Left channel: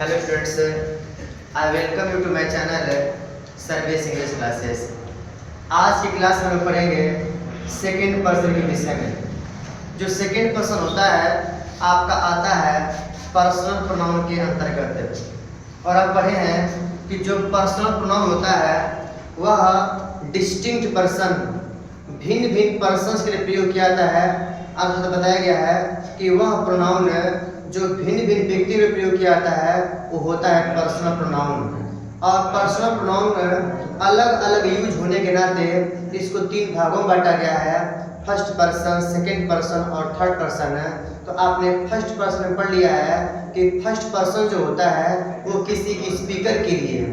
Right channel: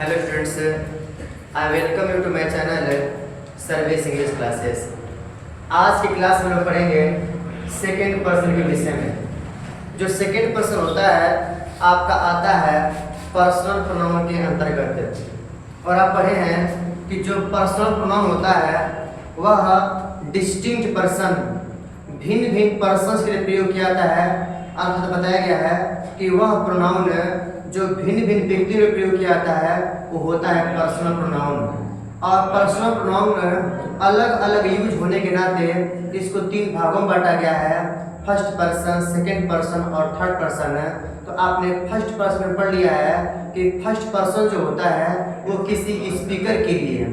Hello students, I welcome you to my channel service English classes. आज की class में हम पढ़ेंगे सेकेंड पर्सन के विषय में। जो सेकेंड पर्सन होता है आपका आता है पर्सनल प्रोनाउन के अंतर्गत। और आप पढ़े हैं कि जो पर्सनल प्रोनाउन होता है वह डिस्टिंक्ट पर्सन, भिन्न भिन्न पर्सन्स के लिए प्रयोग किया जाता है। आपको तो बताया गया है कि वह प्रोनाउन जो भिन्न भिन्न व्यक्तियों में प्रयोग किया जाता है वो होता है पर्सनल प्रोनाउन। और पर्सनल प्रोनाउन अलग अलग यूज होने के नाते इसको तीन भागों में बांटा गया है, फर्स्ट पर्सन, सेकेंड पर्सन और थर्ड पर्सन। तो आपने फर्स्ट पर्सन में पढ़ लिया है कि फर्स्ट पर्सन जो होता है वो किसी स्पीकर के लिए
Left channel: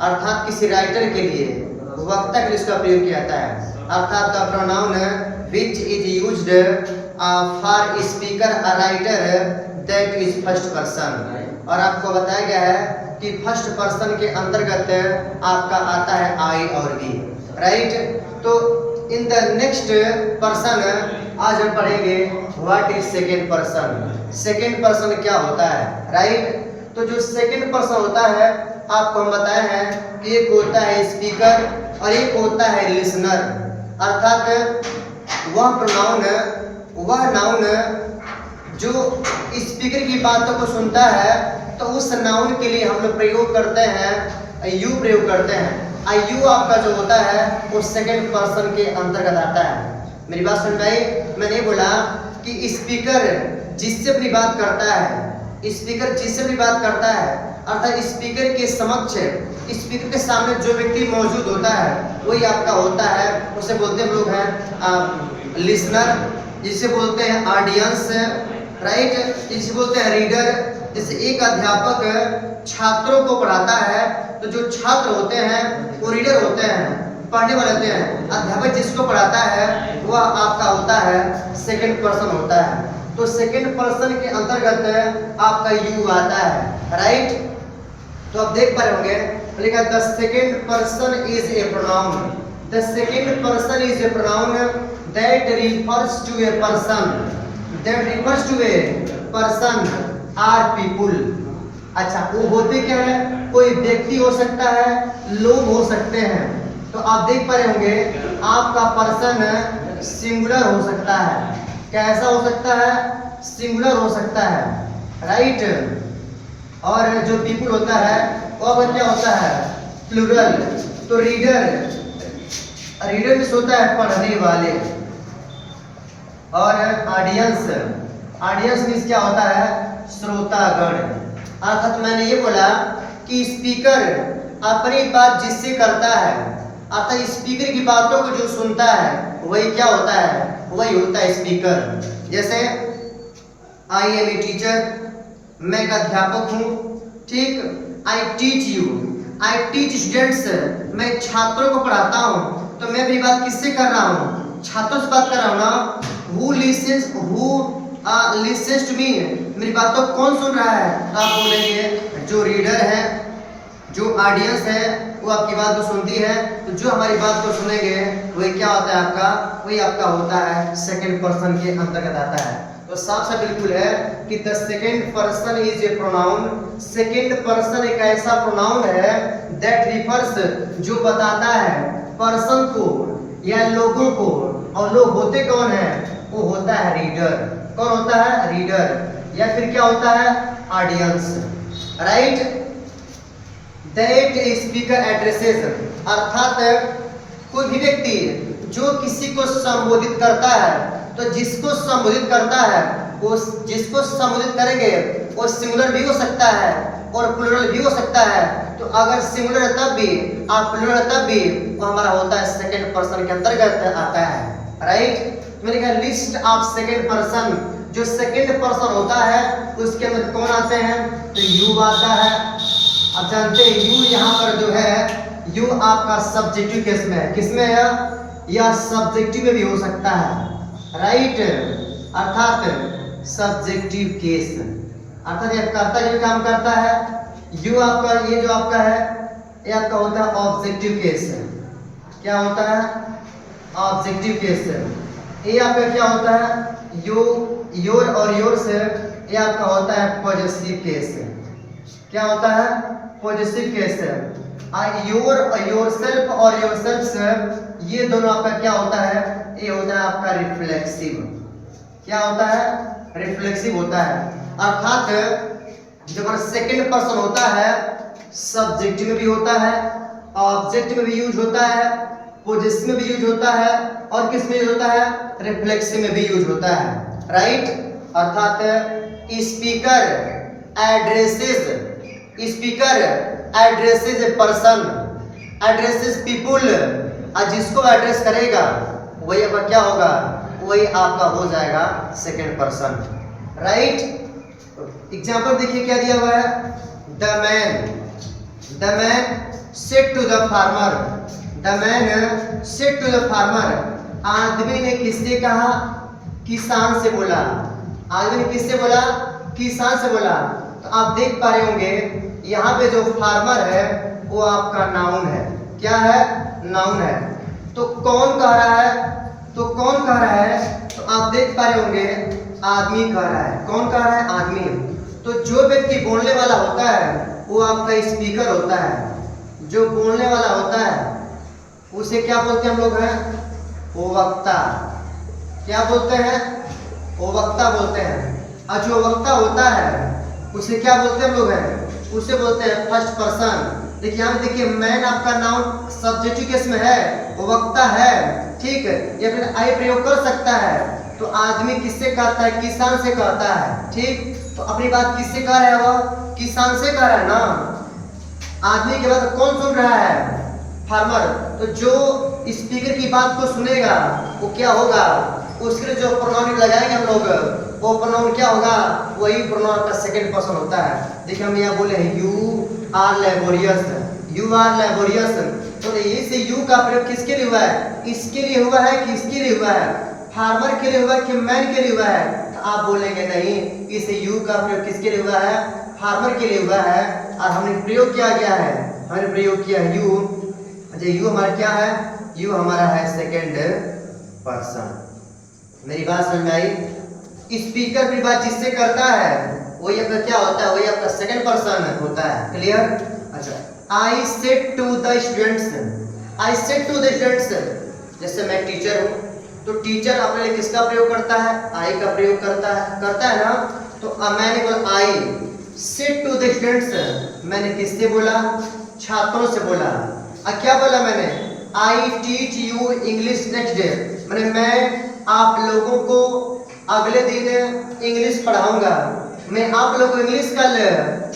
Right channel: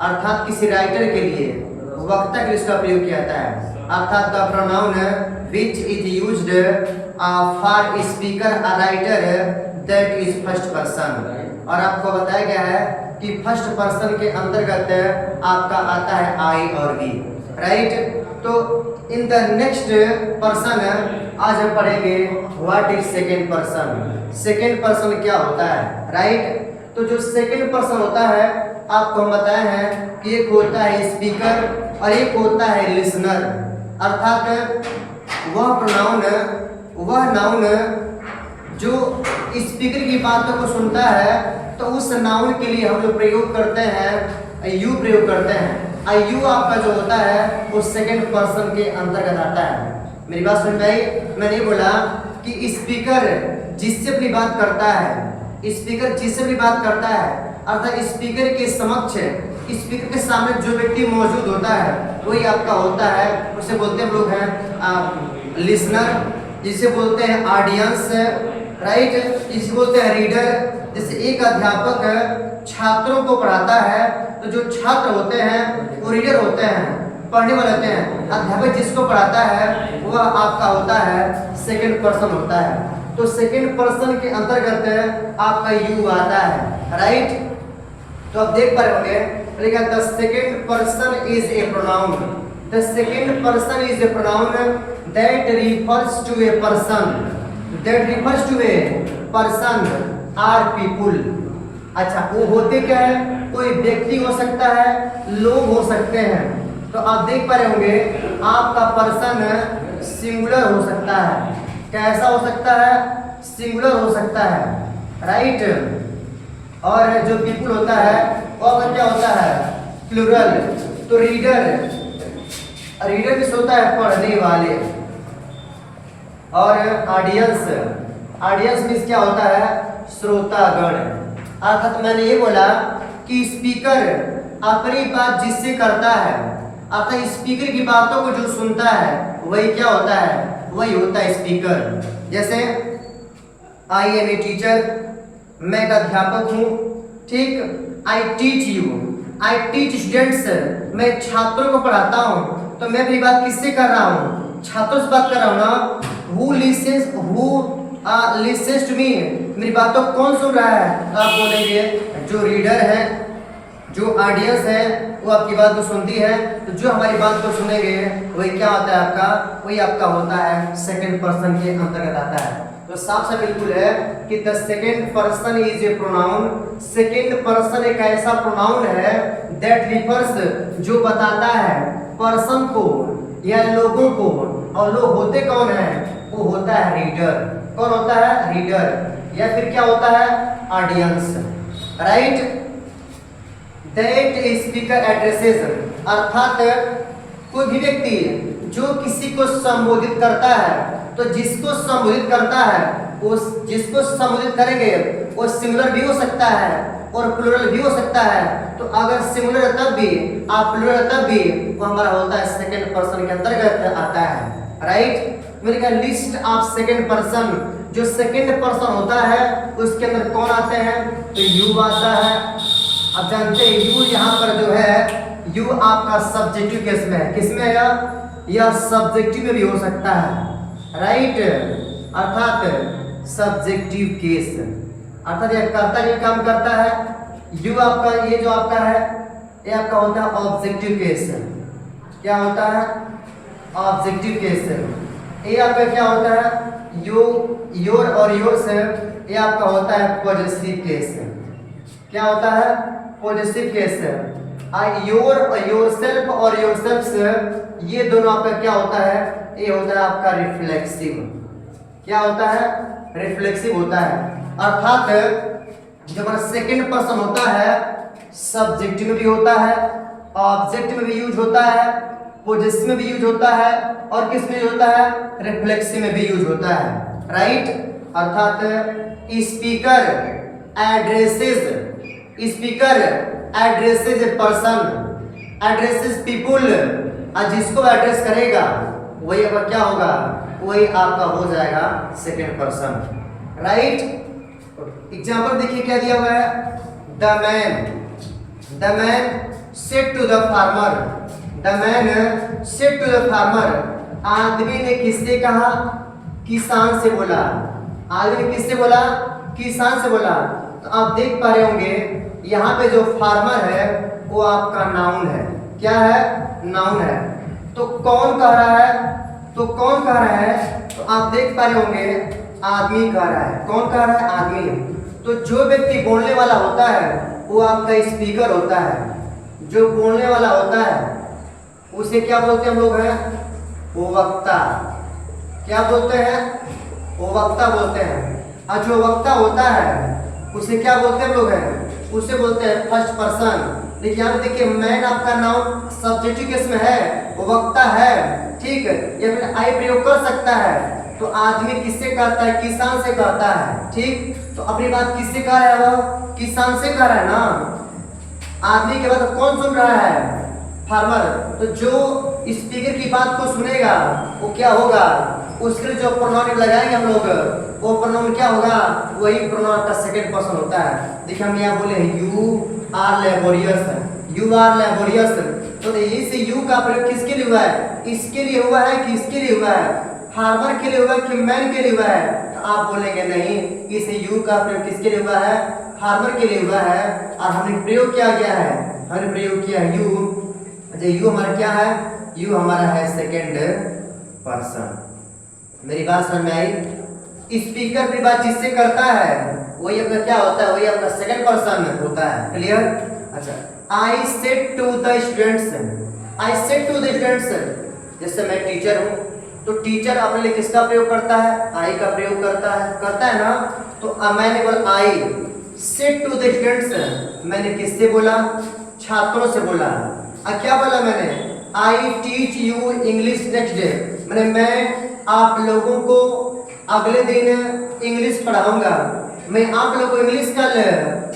अर्थात किसी राइटर के लिए, वक्ता के लिए इसका प्रयोग किया जाता है। अर्थात the pronoun which is used for speaker a writer that is first person. और आपको बताया गया है कि फर्स्ट पर्सन के अंतर्गत आपका आता है आई और वी, राइट। तो इन द नेक्स्ट पर्सन आज हम पढ़ेंगे what is second person. Second person क्या होता है, राइट। तो जो सेकेंड पर्सन होता है आपको हम बताए हैं कि एक होता है स्पीकर और एक होता है लिसनर। अर्थात वह नाउन जो स्पीकर की बातों को सुनता है तो उस नाउन के लिए हम लोग प्रयोग करते हैं यू प्रयोग करते हैं। यू आपका जो होता है वो सेकेंड पर्सन के अंतर्गत आता है। मेरी बात सुन रही, मैंने बोला कि स्पीकर जिससे भी बात करता है, स्पीकर जिससे भी बात करता है अर्थात स्पीकर के समक्ष, स्पीकर के सामने जो व्यक्ति मौजूद होता है वही आपका होता है, उसे बोलते हम लोग हैं लिसनर, जिसे बोलते हैं ऑडियंस, राइट, जिसे बोलते हैं रीडर। जैसे एक अध्यापक छात्रों को पढ़ाता है तो जो छात्र होते हैं वो रीडर होते हैं, पढ़ने वाले होते हैं। अध्यापक जिसको पढ़ाता है वह आपका होता है सेकंड पर्सन होता है। तो सेकंड पर्सन के अंतर्गत आपका यू आता है, राइट। तो आप देख पा रहे होंगे लिखा the second person is a pronoun. The second person is a pronoun that refers to a person, that refers to a person or people। अच्छा, वो होते क्या है, कोई व्यक्ति हो सकता है, लोग हो सकते हैं। तो आप देख पा रहे होंगे आपका पर्सन सिंगुलर हो सकता है। कैसा हो सकता है, सिंगुलर हो सकता है, राइट। और जो पीपल होता है वो क्या होता है, प्लूरल। तो रीडर भी होता है पढ़ने वाले। और ऑडियंस मीन्स क्या होता है, श्रोतागण। अर्थात मैंने ये बोला कि स्पीकर अपनी बात जिससे करता है अर्थात स्पीकर की बातों को जो सुनता है वही क्या होता है, वही होता है स्पीकर। जैसे आई एम ए टीचर, मैं एक अध्यापक हूँ, ठीक। आई teach you, I teach students, मैं छात्रों को पढ़ाता हूँ। तो मैं भी बात किससे कर रहा हूँ, छात्रों से बात कर रहा हूँ ना। Who listens to me, मेरी बात तो कौन सुन रहा है। तो आप बोलेंगे जो रीडर है, जो ऑडियंस है वो आपकी बात को सुनती है। तो जो हमारी बात को सुनेंगे वही क्या होता है आपका, वही आपका होता है सेकंड पर्सन के अंतर्गत आता है। तो साफ से बिल्कुल है कि the second person is a pronoun. Second person एक ऐसा प्रोनाउन है दैट रिफर्स, जो बताता है पर्सन को या लोगों को। और लोग होते कौन है, वो होता है रीडर। कौन होता है, रीडर। या फिर क्या होता है, audience, right. That speaker addresses, अर्थात कोई भी व्यक्ति जो किसी को संबोधित करता है, तो जिसको संबोधित करता है वो जिसको संबोधित करेंगे वो सिंगुलर भी हो सकता है और प्लूरल भी हो सकता है। तो अगर सिंगुलर है तब भी और प्लूरल है तब भी वो हमारा होता है सेकंड पर्सन के अंतर्गत आता है, राइट। मैंने कहा लिस्ट ऑफ सेकंड पर्सन, जो सेकंड पर्सन होता है उसके अंदर कौन आते हैं, तो यू आता है। अब जानते हैं यू यहाँ पर जो है, यू आपका सब्जेक्टिव केस में है। किसमें है, यह सब्जेक्टिव में भी हो सकता है, राइट। अर्थात सब्जेक्टिव केस, अर्थात यह कर्ता ये काम करता है। यू आपका ये जो आपका है ये आपका होता है ऑब्जेक्टिव केस। क्या होता है, ऑब्जेक्टिव केस। ये आपका क्या होता है, योर और योर्स, ये आपका होता है पॉजेसिव केस। क्या होता है? Positive case. योरसेल्फ और योरसेल्फ्स ये दोनों आपका क्या होता है? ये होता है आपका रिफ्लेक्सिव। क्या होता है? रिफ्लेक्सिव होता है। अर्थात जो हमारा सेकंड पर्सन होता है सब्जेक्ट में भी होता है, ऑब्जेक्ट में भी यूज होता है, पोजेसिव में भी यूज होता है और किस में यूज होता है? रिफ्लेक्सिव में भी यूज होता है। राइट? अर्थात speaker addresses a person, addresses people, और जिसको एड्रेस करेगा वही आपका क्या होगा? वही आपका हो जाएगा सेकंड पर्सन। राइट? एग्जाम्पल देखिए क्या दिया हुआ है? The man said to the farmer, the man said to the farmer. आदमी ने किससे कहा? किसान से बोला। आदमी ने किससे बोला? किसान से बोला। तो आप देख पा रहे होंगे यहाँ पे जो फार्मर है वो आपका नाउन है। क्या है? नाउन है। तो कौन कह रहा है? तो कौन कह रहा है? तो आप देख पा रहे होंगे आदमी कह रहा है। कौन कह रहा है? आदमी। तो जो व्यक्ति बोलने वाला होता है वो आपका स्पीकर होता है। जो बोलने वाला होता है उसे क्या बोलते हैं हम लोग? हैं वो वक्ता। क्या बोलते हैं? वो वक्ता बोलते हैं। और जो वक्ता होता है उसे क्या बोलते हैं हम लोग? हैं उसे बोलते हैं फर्स्ट पर्सन। देखिए यहाँ पे देखिए मैन आपका नाउन सब्जेक्टिव केस में है, वो वक्ता है। ठीक है? या फिर आई प्रयोग कर सकता है। तो आदमी किससे कहता है? किसान से कहता है। ठीक? तो अपनी बात किससे कह रहा है? वो किसान से कह रहा है ना। आदमी के बाद कौन सुन रहा है? फार्मर। तो जो स्पीकर की बात को सुनेगा वो क्या होगा? उसके लिए जो प्रोनाउन लगाएंगे हम लोग वो प्रोनाउन क्या होगा? वही प्रोनाउन का सेकंड पर्सन होता है। देखिए हम यहाँ बोले you are laborious, you are laborious. तो ये से यू का प्रयोग किसके लिए हुआ है? इसके लिए हुआ है कि इसके लिए हुआ है? फार्मर के लिए हुआ है कि मैन के लिए हुआ है? तो आप बोलेंगे नहीं, इसे यू का प्रयोग किसके लिए हुआ है? फार्मर के लिए हुआ है। और हमने प्रयोग किया गया है, हमने प्रयोग किया यू। अच्छा यू हमारा क्या है? यू हमारा है सेकंड पर्सन। मेरी बात समझ में आई? स्पीकर की बात जिससे करता है वही आपका क्या होता है? वही आपका सेकंड पर्सन होता है। क्लियर? अच्छा I said to the students, I said to the students. जैसे मैं टीचर हूँ तो टीचर अपने लिए किसका प्रयोग करता है? आई का प्रयोग करता है ना। तो मैंने बोला I said to the students, मैंने किससे बोला? छात्रों से बोला। क्या बोला मैंने? I teach you English next day, मैंने मैं आप लोगों को अगले दिन इंग्लिश पढ़ाऊंगा, मैं आप लोगों को इंग्लिश कल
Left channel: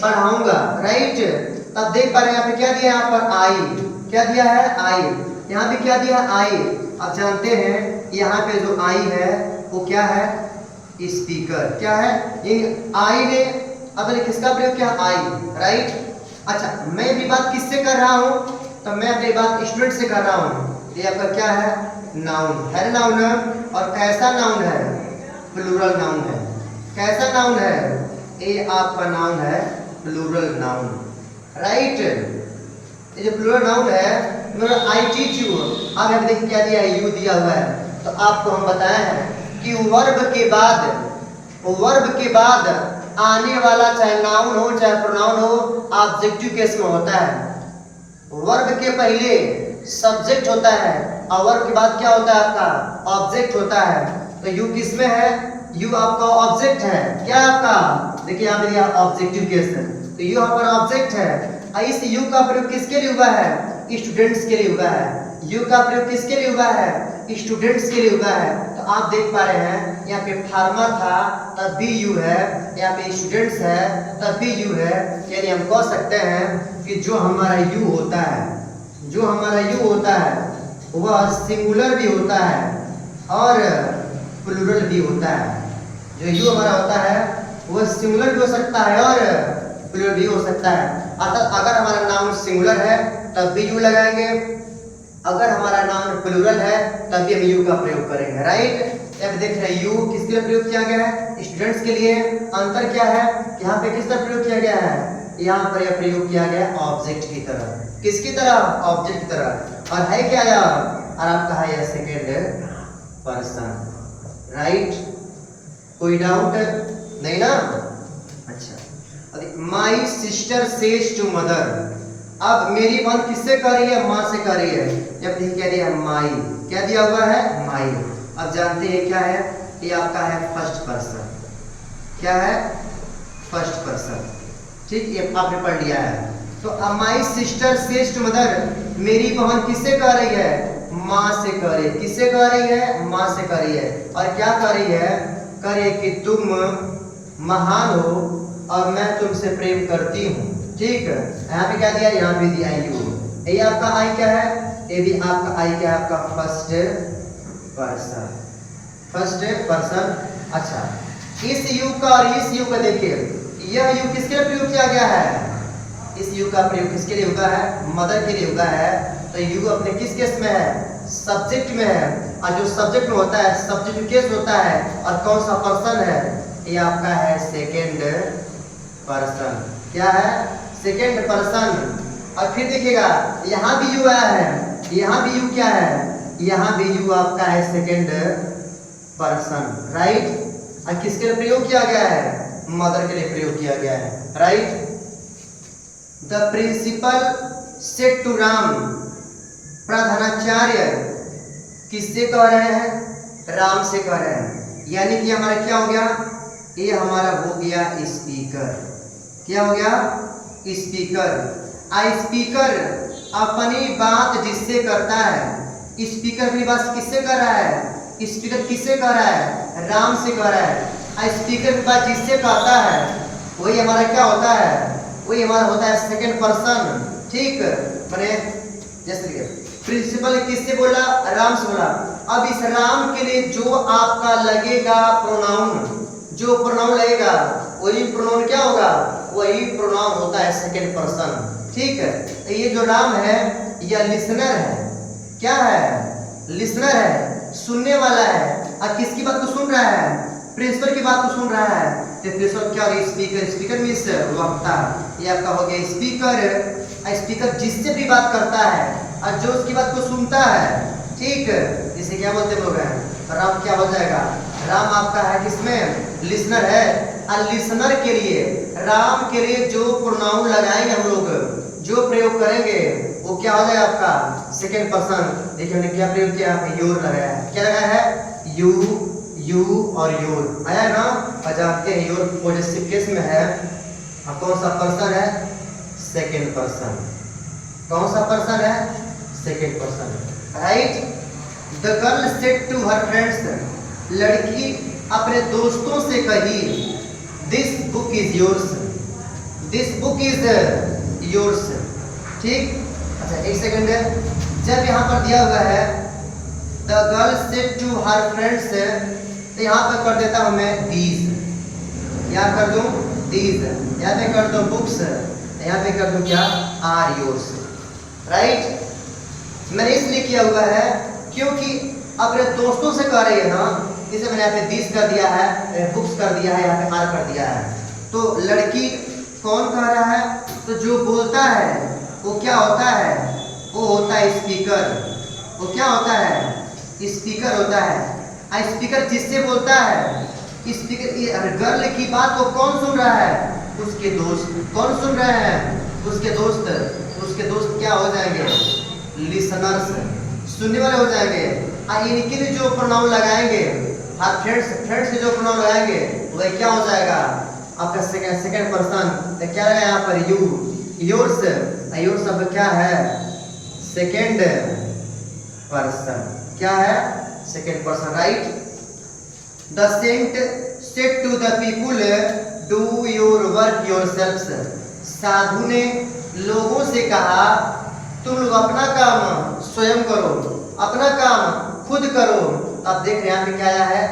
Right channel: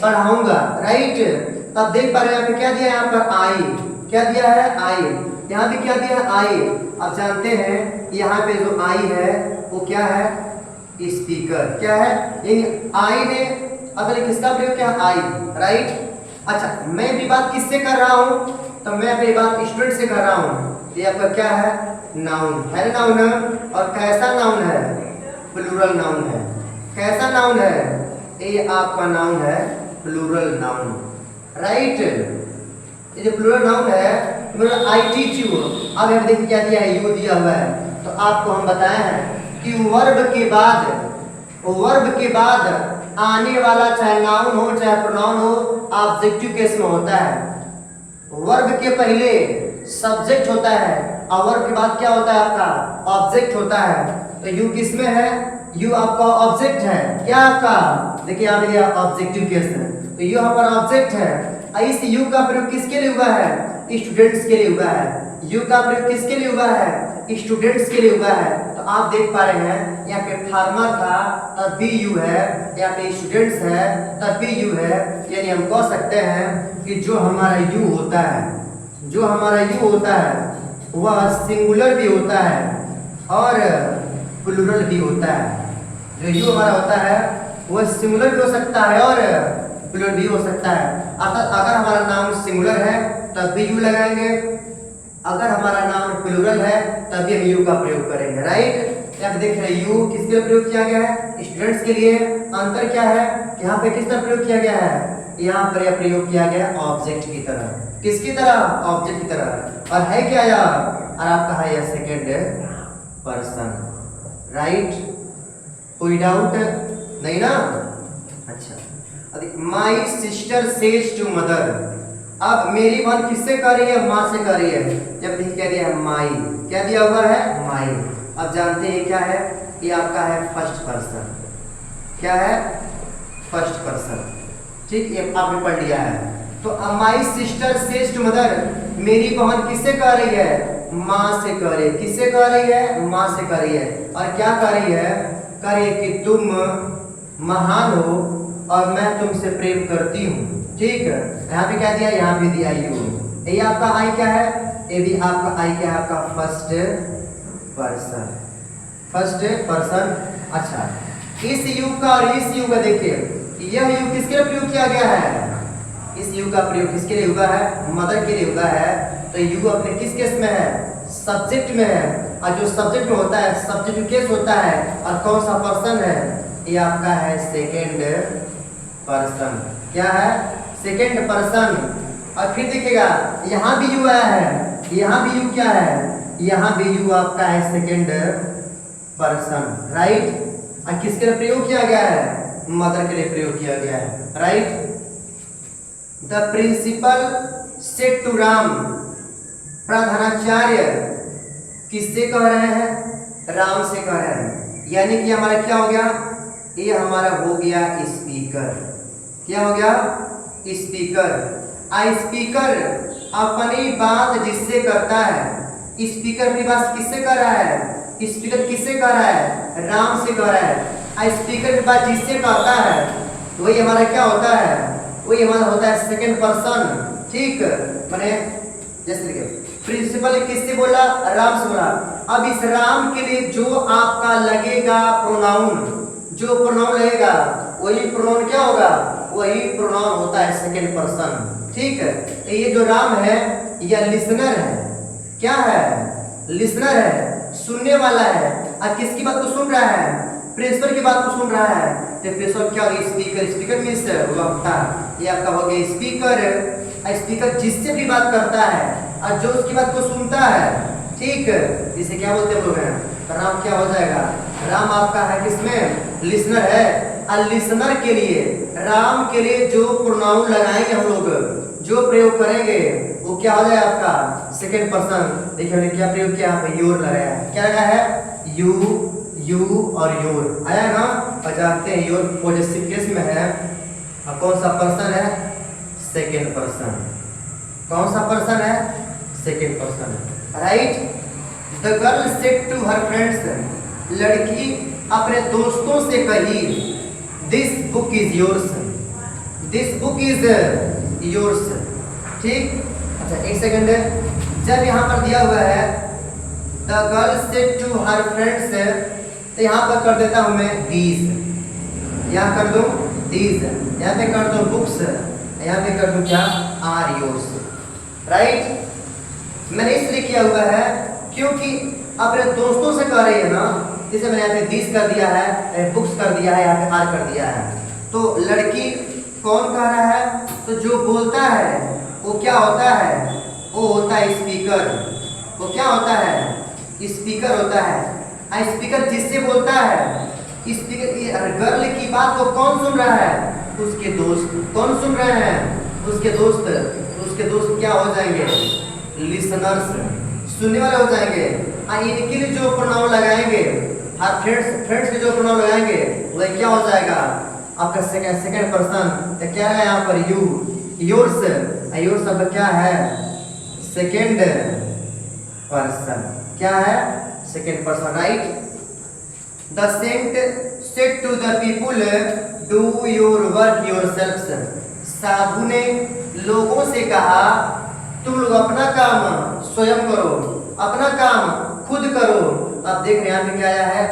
पढ़ाऊंगा। राइट? तब देख पा रहे हैं यहाँ पे क्या दिया है? यहाँ पर आई। क्या दिया है? आई। यहाँ पे क्या दिया? आई। आप जानते हैं यहाँ पे जो आई है वो क्या है? स्पीकर। क्या है? यानी आई ने अपने किसका प्रयोग किया? आई। राइट? अच्छा मैं भी बात किससे कर रहा हूँ? तो मैं अपनी बात स्टूडेंट से कर रहा हूँ। ये आपका क्या है? नाउन है। नाउन है। और कैसा नाउन है? प्लूरल नाउन है। कैसा नाउन है? ये आपका नाउन है प्लूरल नाउन। राइट? ये जो प्लूरल नाउन है मतलब आई टीच यू। अब हम देखिए क्या दिया है? यू दिया हुआ है। तो आपको हम बताए हैं कि वर्ब के बाद आने वाला चाहे नाउन हो चाहे प्रोनाउन हो ऑब्जेक्टिव केस में होता है। वर्ब के पहले सब्जेक्ट होता है और वर्ब के बाद क्या होता है? आपका ऑब्जेक्ट होता है। तो यू किस में है? यू आपका ऑब्जेक्ट है। क्या आपका? देखिए यहाँ पे दिया ऑब्जेक्टिव केस है। तो यू हमारा ऑब्जेक्ट है। इस यू का प्रयोग किसके लिए हुआ है? स्टूडेंट्स के लिए हुआ है। यू का प्रयोग किसके लिए हुआ है? स्टूडेंट्स के लिए हुआ है। तो आप देख पा रहे हैं यहाँ पे फार्मर था तब भी यू है, यहाँ पे स्टूडेंट्स है तब भी यू है। यानी हम कह सकते हैं कि जो हमारा यू होता है, जो हमारा यू होता है वह सिंगुलर भी होता है और प्लूरल भी होता है। जो यू हमारा होता है वह सिंगुलर भी हो सकता है और प्लूरल भी हो सकता है। अर्थात अगर हमारा नाउन सिंगुलर है तब भी यू लगाएंगे, अगर हमारा नाउन प्लूरल है तब भी हम यू का प्रयोग करेंगे। राइट? यहाँ पे देख रहे हैं यू किसके लिए प्रयोग किया गया है? स्टूडेंट्स के लिए। अंतर क्या है? यहाँ पे किसका प्रयोग किया गया है? यहाँ पर यह प्रयोग किया गया ऑब्जेक्ट की तरह। किसकी तरह? ऑब्जेक्ट की तरह। और है क्या यह? और आपका है यह सेकेंड पर्सन। राइट? कोई डाउट नहीं ना? अच्छा my sister says to mother. अब मेरी बहन किससे कह रही है? माँ से कह रही है। जब नहीं कह रही है माई, क्या दिया हुआ है? माई। अब जानते हैं क्या है? ये आपका है फर्स्ट पर्सन। क्या है? First person. ठीक, ये आपने पढ़ लिया है। तो my sister says to mother, मेरी बहन किससे कह रही है? माँ से कह रही है। किससे कह रही है? माँ से कह रही है। और क्या कह रही है? कह रही है कि तुम महान हो और मैं तुमसे प्रेम करती हूँ। ठीक है, यहाँ पे क्या दिया? यहाँ पे दिया यू। ये आपका आई क्या है? ये भी आपका आई क्या है? आपका फर्स्ट पर्सन। First person. अच्छा, इस यू का और इस यू का देखिए, यह यू किसके लिए प्रयोग किया गया है? इस यू का प्रयोग किसके लिए हुआ है? मदर के लिए हुआ है। तो यू अपने किस केस में है? सब्जेक्ट में है। और जो सब्जेक्ट में होता है, सब्जेक्ट केस होता है। और कौन सा पर्सन है? ये आपका है सेकेंड पर्सन। क्या है? Second person. और फिर देखिएगा, यहाँ भी यू आया है, यहाँ भी यू क्या है? यहाँ भी यू आपका है सेकेंड पर्सन। राइट। और किसके लिए प्रयोग किया गया है? मदर के लिए प्रयोग किया गया है। Right. The principal said to Ram, प्रधानाचार्य किससे कह रहे हैं? राम से कह रहे हैं। यानी कि हमारा क्या हो गया? ये हमारा हो गया स्पीकर। क्या हो गया? स्पीकर। स्पीकर अपनी बात जिससे करता है। स्पीकर अपनी बात किससे कर रहा है? स्पीकर किससे कह रहा है? राम से कह रहा है। स्पीकर की बात जिससे कहता है वही हमारा क्या होता है? वही हमारा होता है सेकेंड पर्सन। ठीक, मैंने जैसे प्रिंसिपल किससे बोला? राम से बोला। अब इस राम के लिए जो आपका लगेगा प्रोनाउन, जो प्रोनाउन लगेगा वही प्रोनाउन क्या होगा? वही प्रोनाउन होता है सेकेंड पर्सन। ठीक है, तो ये जो राम है यह लिसनर है। क्या है? लिसनर है, सुनने वाला है। और किसकी बात को सुन रहा है? प्रिंसिपल की बात को सुन रहा है। तो प्रिंसिपल क्या? स्पीकर। स्पीकर मींस वक्ता। ये आपका हो गया स्पीकर। स्पीकर जिससे भी बात करता है और जो उसकी बात को सुनता है। ठीक, इसे क्या बोलते हैं लोग? राम क्या हो जाएगा? राम आपका है किसमें? लिसनर है। और लिसनर के लिए, राम के लिए जो प्रोनाउन लगाएंगे हम लोग, जो प्रयोग करेंगे वो क्या हो जाएगा? आपका सेकेंड पर्सन। देखिए हमने क्या प्रयोग किया? योर लगाया है। क्या लगाया है? यू, यू और योर आया ना। और जानते हैं योर पॉजिटिव केस में है। और कौन सा पर्सन है? Second person. कौन सा पर्सन है? Second person. Right. The girl said to her friends, लड़की अपने दोस्तों से कही, this book is yours. This book is yours. ठीक, अच्छा एक सेकेंड। जब यहाँ पर दिया हुआ है the girl said to her friends, तो यहाँ पर कर देता हूँ मैं दीज। यहाँ कर दूँ दीज, यहाँ पे कर दो बुक्स, यहाँ पे कर दूँ क्या? Are yours. राइट। मैंने इसलिए किया हुआ है क्योंकि अपने दोस्तों से कह रही है ना, इसे मैंने यहाँ पे दिस कर दिया है, बुक्स कर दिया है, यहाँ पे आर कर दिया है। तो लड़की कौन कह रहा है? तो जो बोलता है वो क्या होता है? वो होता है स्पीकर। वो क्या होता है? स्पीकर होता है। स्पीकर जिससे बोलता है, स्पीकर गर्ल की बात को कौन सुन रहा है? उसके दोस्त। कौन सुन रहे हैं? उसके दोस्त। उसके दोस्त क्या हो जाएंगे? लिसनर्स, सुनने वाले हो जाएंगे। इनके लिए जो प्रोनाउन लगाएंगे, फ्रेंड्स के जो प्रोनाउन लगाएंगे वह क्या हो जाएगा? आपका सेकेंड पर्सन। तो क्या है यहाँ पर? You, yours. योर्स शब्द क्या है? Second person. क्या है? Second person. Right. The saint said to the people, do your work yourselves. साधु ने लोगों से कहा, तुम लोग अपना काम स्वयं करो, अपना काम खुद करो। अब देख रहे हैं यहाँ पे क्या आया है?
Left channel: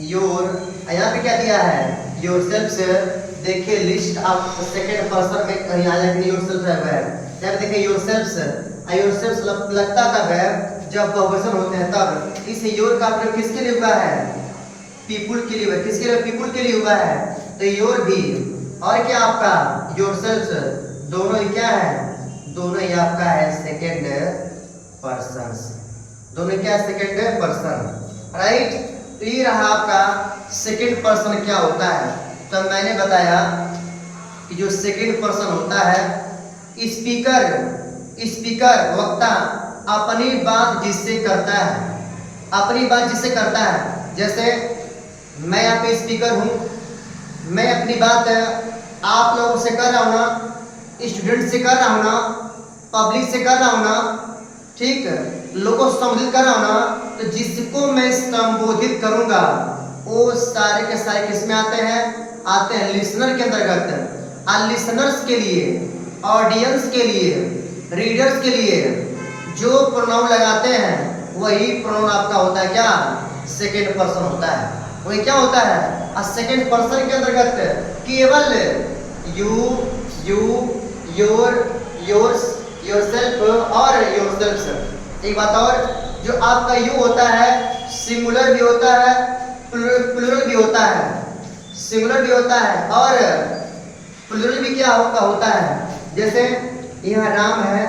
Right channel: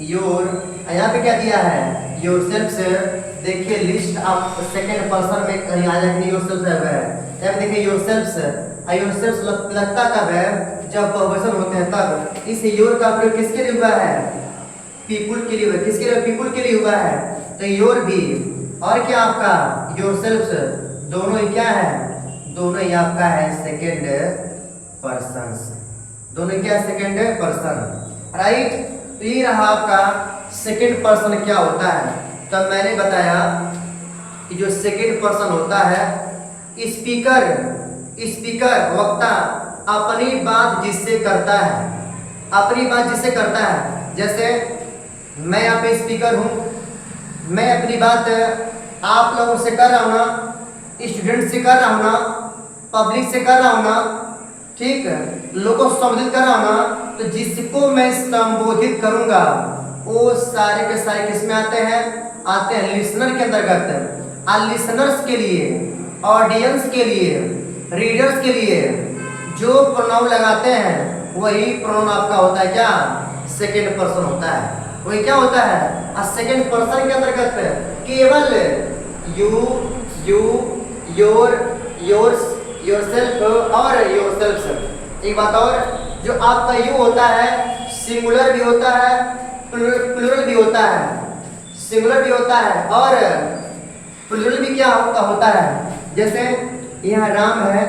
योर। यहाँ पे क्या दिया है? योरसेल्व्स। देखिए लिस्ट आप सेकेंड पर्सन में कहीं आ जाएंगे, योरसेल्फ है। यहाँ पे देखिए योरसेल्व्स। योरसेल्व्स लगता कब है? जब बहुवचन होते हैं तब। इस योर का प्रयोग किसके लिए हुआ है? पीपुल के लिए हुआ है। किसके लिए? पीपुल के लिए हुआ है। तो योर भी और क्या आपका? योरसेल्व्स, दोनों ही क्या है? दोनों ही आपका है सेकेंड पर्सन। दोनों क्या है? Second person. राइट। तो ये रहा आपका सेकेंड पर्सन क्या होता है। तो मैंने बताया कि जो सेकंड पर्सन होता है, स्पीकर, स्पीकर वक्ता अपनी बात जिससे करता है, अपनी बात जिससे करता है। जैसे मैं यहाँ पे स्पीकर हूँ, मैं अपनी बात आप लोगों से कर रहा हूँ ना, स्टूडेंट से कर रहा हूँ ना, पब्लिक से कर रहा हूँ ना, ठीक, लोगों को संबोधित कर रहा हूँ ना, तो जिसको मैं संबोधित करूँगा वो सारे के सारे किस में आते हैं, आते हैं लिसनर के अंतर्गत। लिसनर्स के लिए, ऑडियंस के लिए, रीडर्स के लिए जो प्रोनाउन लगाते हैं वही प्रोनाउन आपका होता है क्या, सेकेंड पर्सन होता है। वही क्या होता है, सेकेंड पर्सन के अंतर्गत केवल you, you, your, yours, yourself और योरसेल्फ्स। एक बात और, जो आपका यू होता है सिंगुलर भी होता है, प्लूरल भी होता है, सिंगुलर भी होता है और प्लूरल भी क्या होता है। जैसे यहाँ राम है,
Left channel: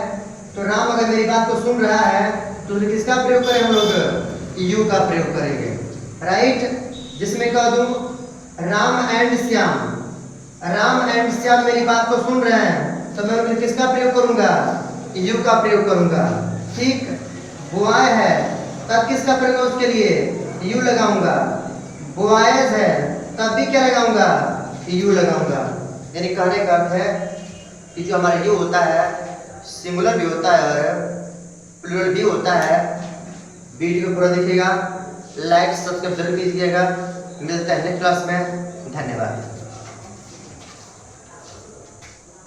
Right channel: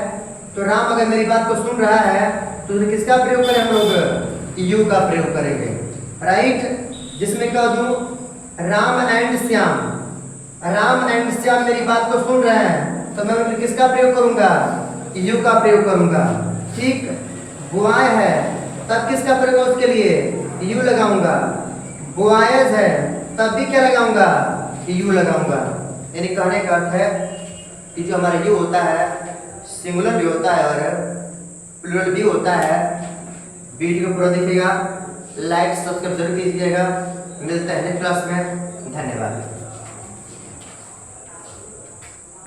तो राम अगर मेरी बात को सुन रहा है तो किसका प्रयोग करें हम लोग, यू का प्रयोग करेंगे, राइट। जिसमें कह दूं राम एंड श्याम, राम एंड श्याम मेरी बात को सुन रहे हैं तो मैं किसका प्रयोग करूंगा, यू का प्रयोग करूंगा, ठीक। बुआए है तब किसका प्रयोग, उसके लिए यू लगाऊंगा। बुआएज है तब भी क्या लगाऊंगा, यू लगाऊंगा। यानी कहने का अर्थ है कि जो हमारा यू होता है सिंगुलर भी होता है और प्लूरल भी होता है। वीडियो को पूरा देखिएगा, लाइक सब्सक्राइब जरूर कीजिएगा। मिलता है नेक्स्ट क्लास में, धन्यवाद।